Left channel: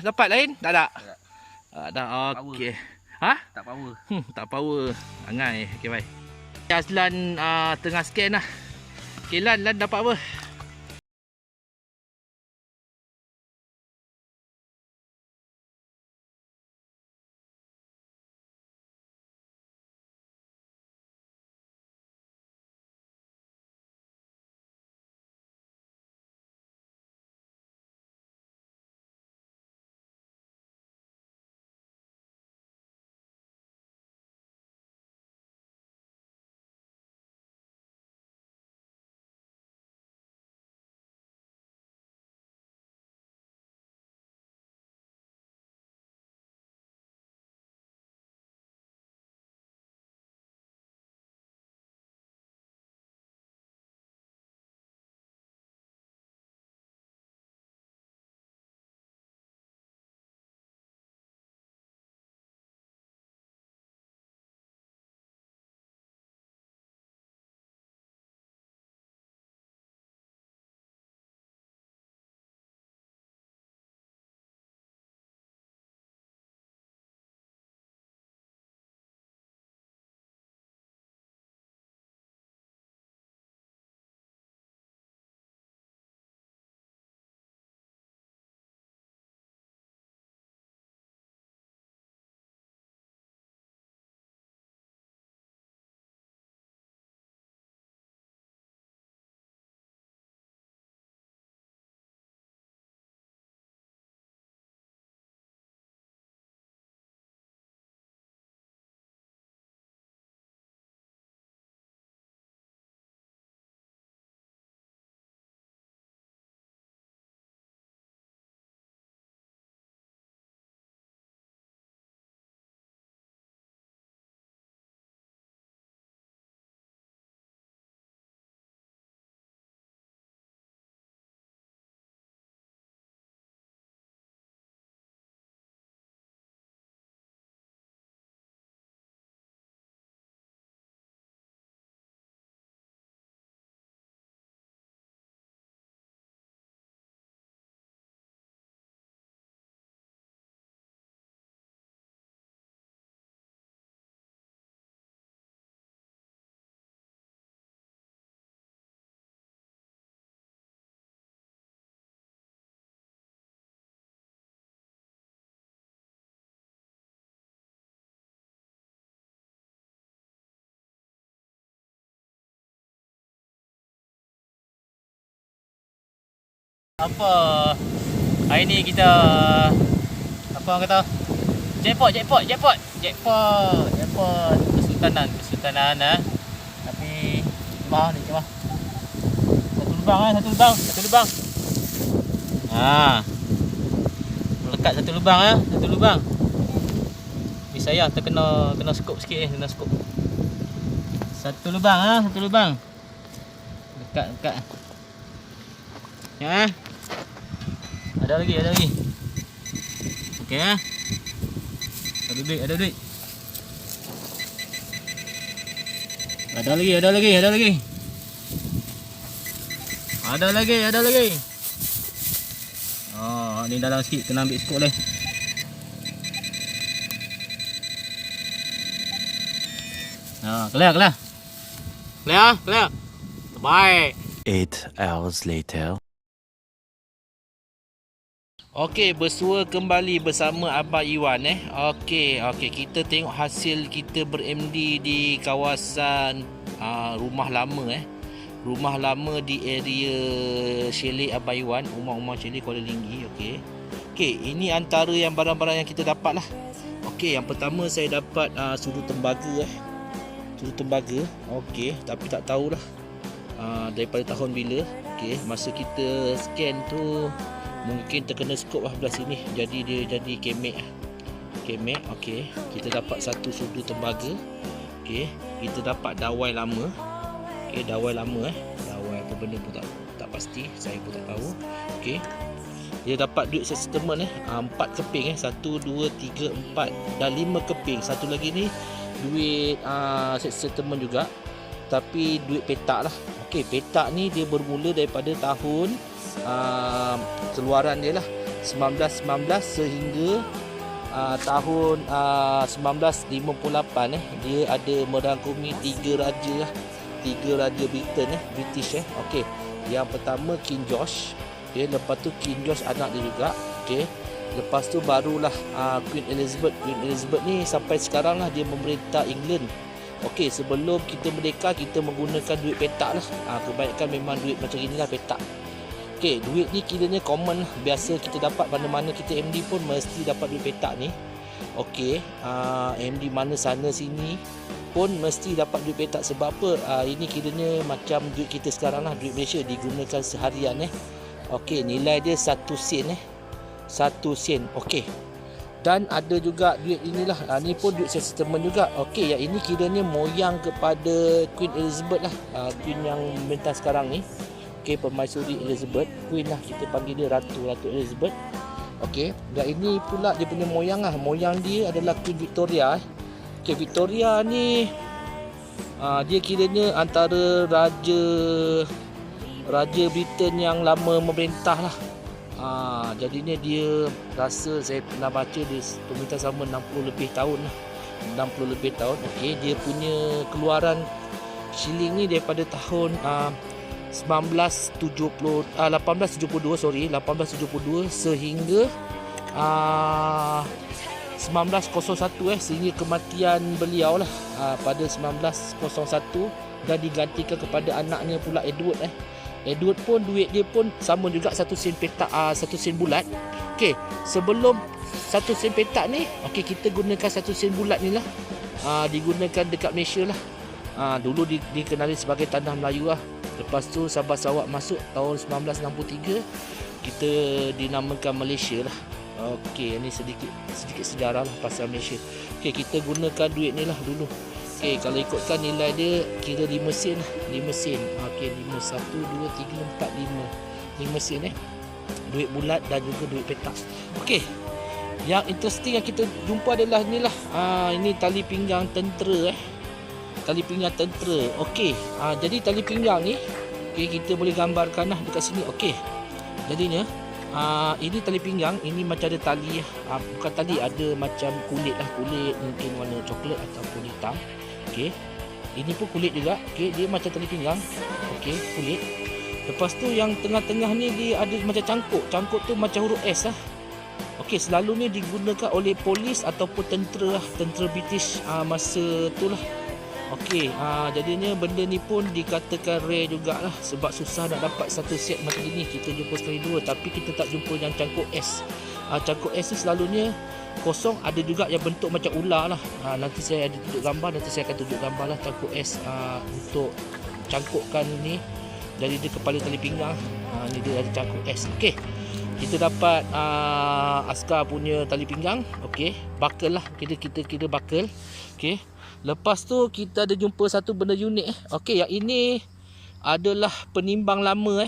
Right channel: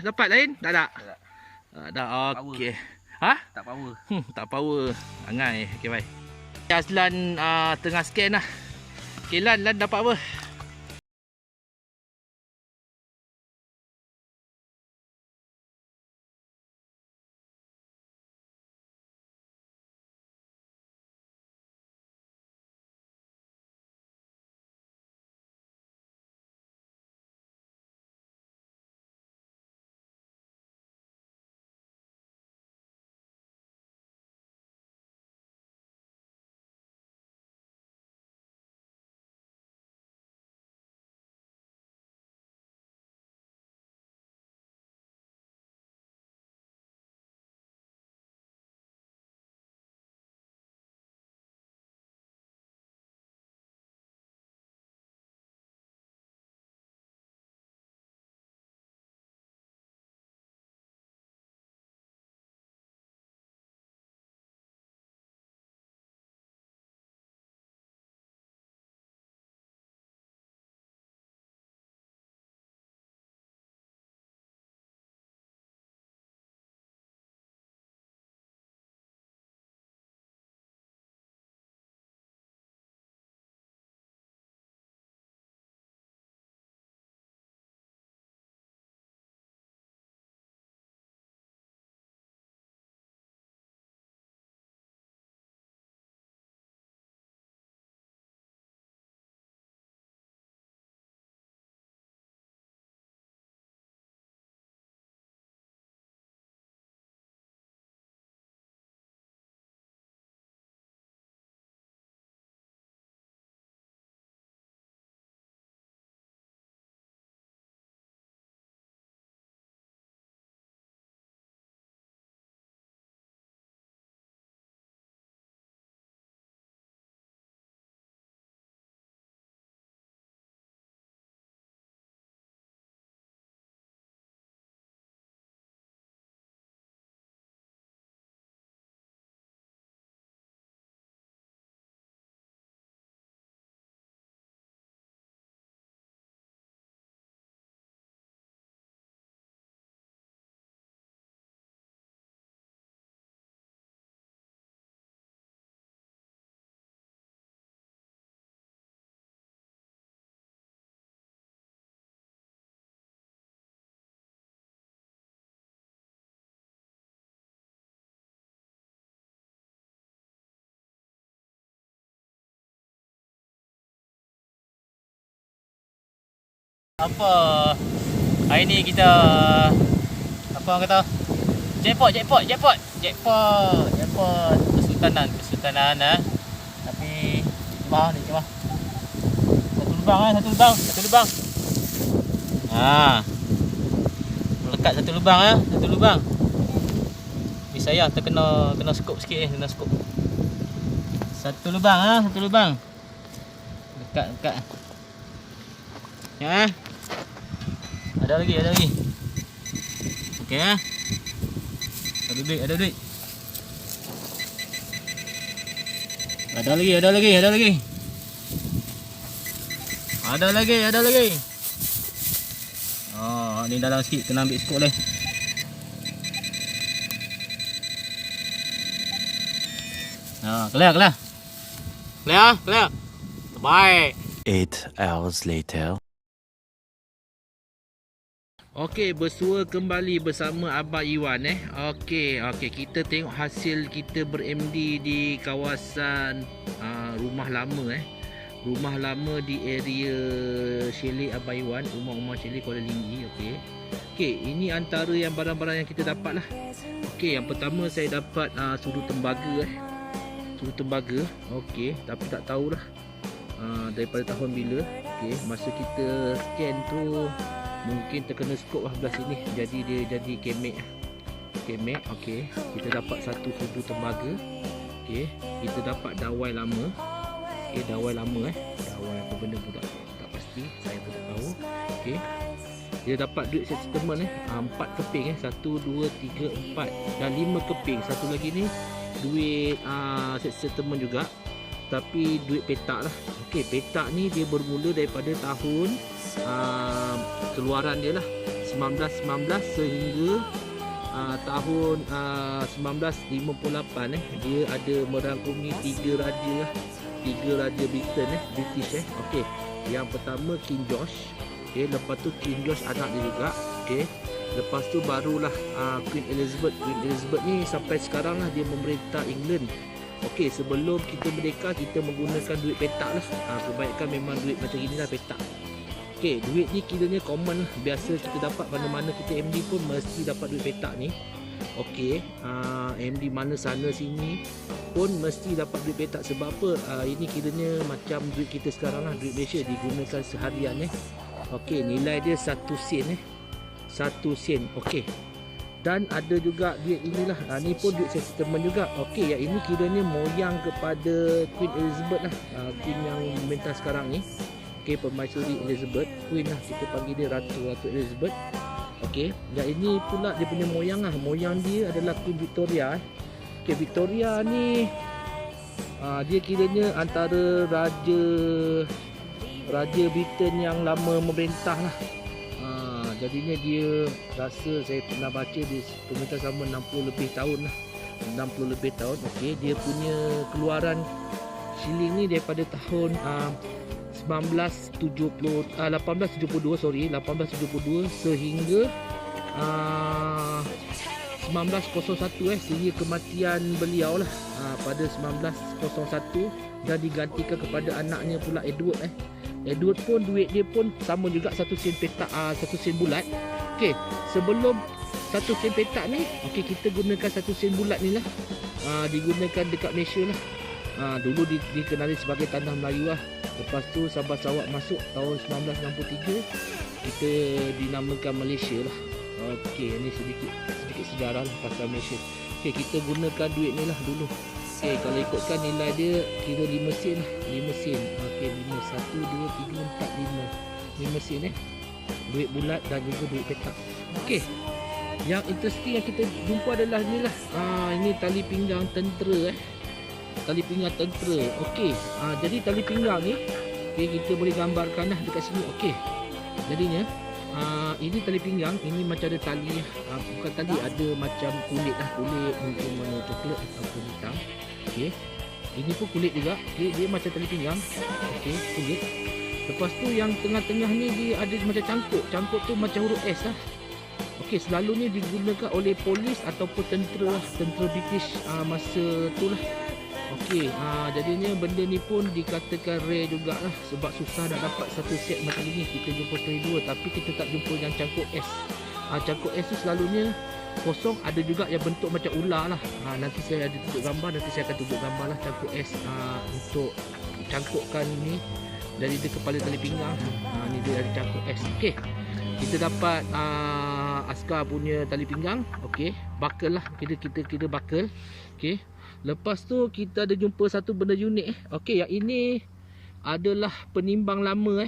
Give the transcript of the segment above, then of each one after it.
Dapat lain? Tak ada? Tak ada. Ada. Okey. Ha? Tak power. Tak power. Angai. Okey, bye. Azlan tengah scan lah. Okey, Lan dapat apa? Apa? Hari ni kita apa orang kata? Jackpot. Kesultanan Tapi cuma ni cuma. Satu lubang. Melekat satu lubang. Ni saya terkena skop sikit kena skop. Satu lubang. Lekat. Ya. Ada lagi. Okey ah. Ada duit. Ada lagi. Ada lagi. Oh, ni dalam sikit kena ambil skop leh. Clear. Bye. 8 hours later. Okey, bersua kembali bersama Abang Iwan Okey, kita tengok hasil kita ber-MD di kawasan rumah lama Rumah lama di area chalet Abang Iwan, rumah chalet Kuala Linggi. Okey, ini antara yang barang-barang yang kita dapat lah. Okey, yang pertama saya dapat sudu tembaga Okey, tapi tak tahulah daripada tahun bila. Okey, masa kita scan tu mungkin terkena skop lah belah sini, jadi dia jadi kemek. Okey, kita dapat satu sudu tembaga. Okey, kita dapat dawai lama. Dawai apa benda pun tak pasti, saya pun tak tahu. Okey, kita dapat duit settlement 4 keping 1 2 3 4 dan 5 keping. Satu lagi ni duit settlement juga, tapi duit petak lah. Okey, petak ni dia bermula daripada tahun keluaran dia lah. 1919 sehingga tahun 1958 dia ada merangkumi 3 raja lah. 3 raja Britain British Okey. Yang pertama King George. Okey, lepas tu King George anak dia juga. Okey. Lepas tu barulah Queen Elizabeth. Queen Elizabeth ni sampai sekarang lah dia memerintah England. Okey, sebelum kita merdeka kita menggunakan duit petak lah. Kebanyakan memang duit macam inilah, petak. Okey, duit ni kiranya common lah. Biasa kita dapat mana-mana kita MD pun mesti dapat duit petak ni. Okey, MD mana sana sini pun mesti dapat duit petak. Sebab apa? Ini kiranya macam duit kita sekarang lah, duit Malaysia digunakan seharian Okey, nilai dia 1 sen 1 sen. Okey. Dan ada juga duit inilah. Ni pun duit settlement juga. Okey, yang ini kiranya moyang kepada Queen Elizabeth lah. Queen yang memerintah sekarang ni. Okey, Permaisuri Elizabeth, Queen lah, kita panggil dia Ratu Elizabeth. Okey, dan ini pula dia punya moyang lah. Moyang dia adalah Queen Victoria. Okey, Victoria ni dia kiranya antara raja Britain yang lama memerintah lah. Jadinya dia rasa saya pernah baca dia pemerintah sama 60 lebih tahun lah. 60 lebih tahun. Okey, dia punya keluaran shilling ni daripada tahun 1872 sehingga 1901 sehingga kematian beliau lah pada 1901, dan digantikan kepada anaknya pula Edward. Edward pun duit dia pun sama juga 1 sen petak, 1 sen bulat. Okey, sebelum 1 sen petak ni, okey, kita gunakan 1 sen bulat ni lah. Digunakan dekat Malaysia lah. Dulu dikenali sebagai tanah Melayu lah. Lepas tu Sabah Sarawak masuk tahun 1963, kita dinamakan Malaysia lah. Okey, ni sedikit sejarah lah pasal Malaysia. Okey, kita gunakan duit ni lah dulu. Okey, kalau ikutkan nilai dia kira 5 sen lah. 5 sen. Okey, 5, 1, 2, 3, 4, 5 sen duit bulat dan juga duit petak. Okey, yang interesting yang kita jumpa adalah ni lah. Ini tali pinggang tentera tali pinggang tentera. Okey, jadi tali pinggang ni, okey, kita boleh gambarkan lah dekat sini. Okey, jadinya ini tali pinggang, ini macam ada tali, bukan tali, ada macam kulit lah, kulit mungkin warna coklat ataupun hitam. Okey, ini pun kulit juga. Okey, dia macam tali pinggang. Okey, kulit. Lepas tu yang tengah-tengah ni dia ada macam cangkuk tu macam huruf S lah. Okey, selalunya digunakan oleh polis ataupun tentera lah, tentera British masa tu lah. Okey, jadinya benda ni pun dikatakan rare jugalah, sebab susah nak dapat satu set macam ni. Kita jumpa sekali dua, tapi kita tak jumpa yang cangkuk S. Cangkuk S ni selalunya kosong, ada juga yang bentuk macam ular lah. Nanti saya ada tunjuk gambar, nanti saya akan tunjuk gambar lah cangkuk S untuk cangkukkan ini dari dia kepala tali pinggang. Ni dia ada cangkuk S. Okey, kita dapat askar punya tali pinggang. Okey, buckle lah, kita kira buckle. Okey, lepas tu kita ada jumpa satu benda unik. Okey, yang ini adalah penimbang lama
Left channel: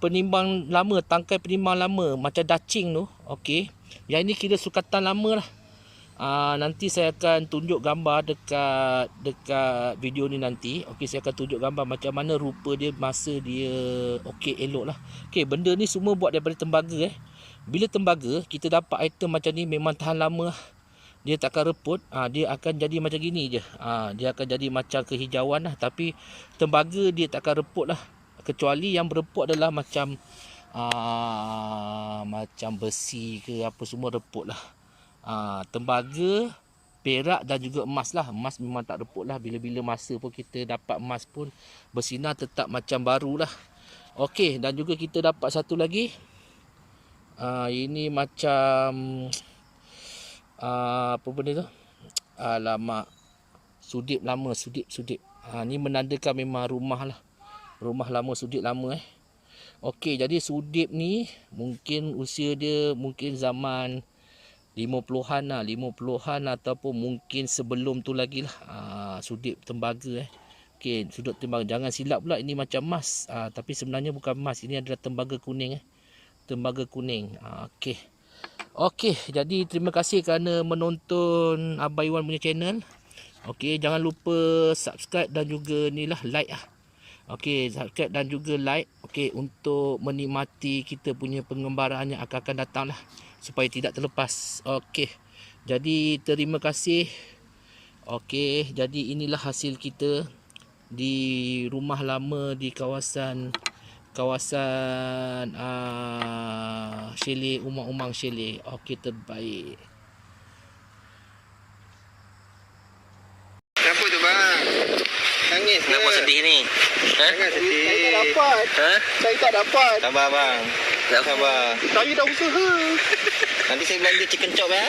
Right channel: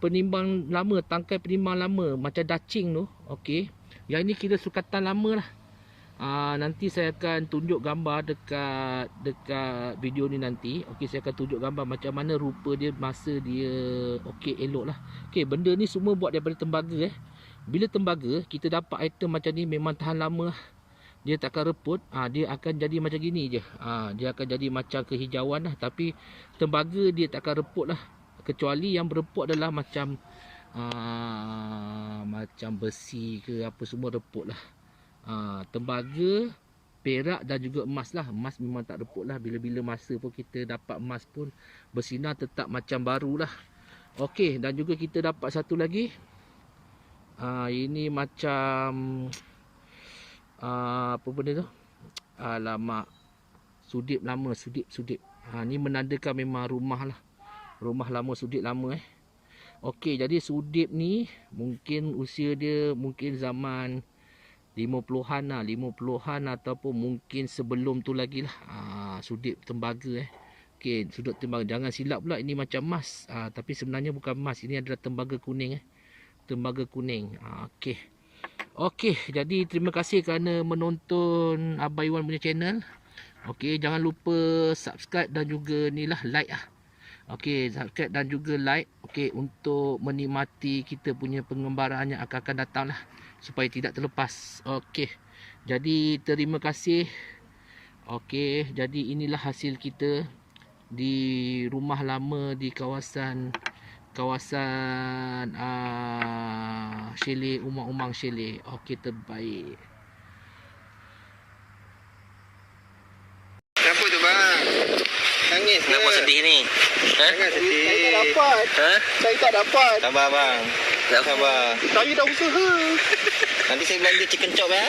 penimbang lama, tangkai penimbang lama macam dacing tu. Okey, yang ini kira sukatan lama lah. Nanti saya akan tunjuk gambar dekat video ni nanti. Okey, saya akan tunjuk gambar macam mana rupa dia masa dia okey, elok lah. Okey, benda ni semua buat daripada tembaga. Bila tembaga kita dapat item macam ni memang tahan lama lah. Dia takkan reput. Dia akan jadi macam gini je. Dia akan jadi macam kehijauan lah. Tapi tembaga dia takkan reput lah. Kecuali yang bereput adalah macam macam besi ke apa semua reput lah. Tembaga, perak dan juga emas lah. Emas memang tak reput lah. Bila-bila masa pun kita dapat emas pun bersinar tetap macam baru lah. Okey, dan juga kita dapat satu lagi. Ini macam apa benda tu? Alamak, sudip lama, sudip. Ni menandakan memang rumah lah. Rumah lama, sudip lama Okey, jadi sudip ni mungkin usia dia mungkin zaman 50-an lah, 50-an ataupun mungkin sebelum tu lagi lah. Sudip tembaga Okey, sudip tembaga. Jangan silap pula, ini macam emas. Tapi sebenarnya bukan emas, ini adalah tembaga kuning tembaga kuning. Okey, jadi terima kasih kerana menonton Abang Iwan punya channel. Okey, jangan lupa subscribe dan juga ni lah like Okey, subscribe dan juga like. Okey, untuk menikmati kita punya pengembaraan yang akan datang lah, supaya tidak terlepas. Okey, jadi terima kasih. Okey, jadi inilah hasil kita di rumah lama di kawasan chalet Umang-Umang Chalet. Okey, terbaik. Kenapa tu bang? Nangis ke? Kenapa sedih ni? Jangan sedih. Saya tak dapat. Saya tak dapat. Sabar bang. Sabar. Saya dah usaha. Nanti saya belanja chicken chop ya.